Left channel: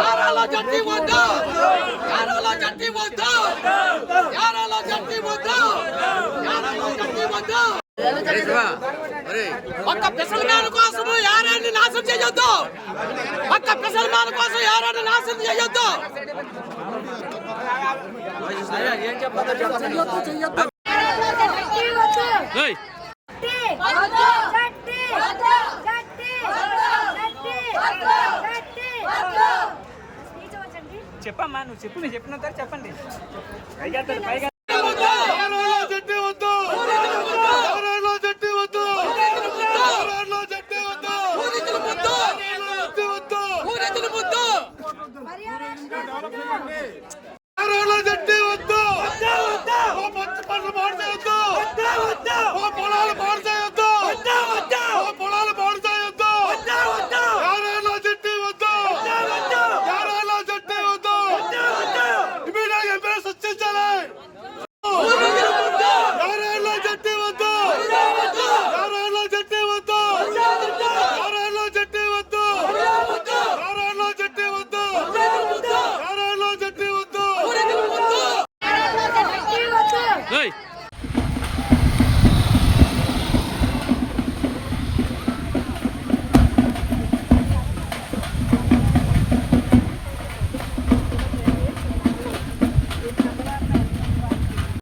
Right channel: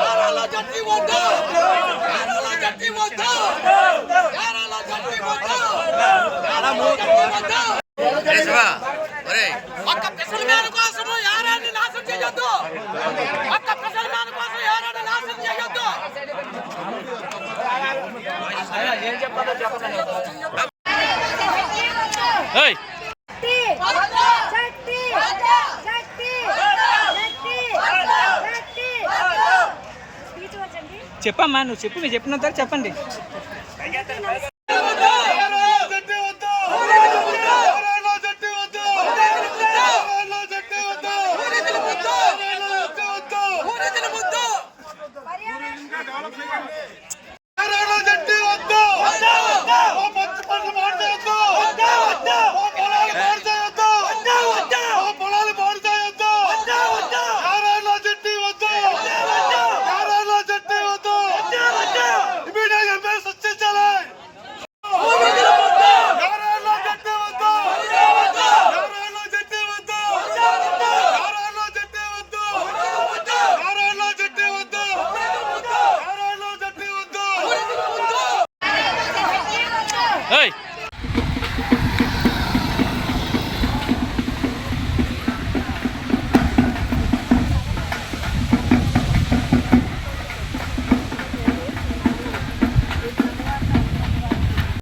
యారాల జట్టి వద్దు యారాల జట్టి వద్దు యారాల జట్టి వద్దు యారాల జట్టి వద్దు ఒక్క పిసల్ మ్యాన్ కోసం యారాన్ని నాశనం చేయొద్దు ఒక్క పిసల్ మ్యాన్ కోసం యారాన్ని నాశనం చేయొద్దు ఏం చెప్పాలో చెప్పండి చెప్పమ్మా నువ్వు చెప్పు మీరు చెప్పినంత చెప్పండి Hey!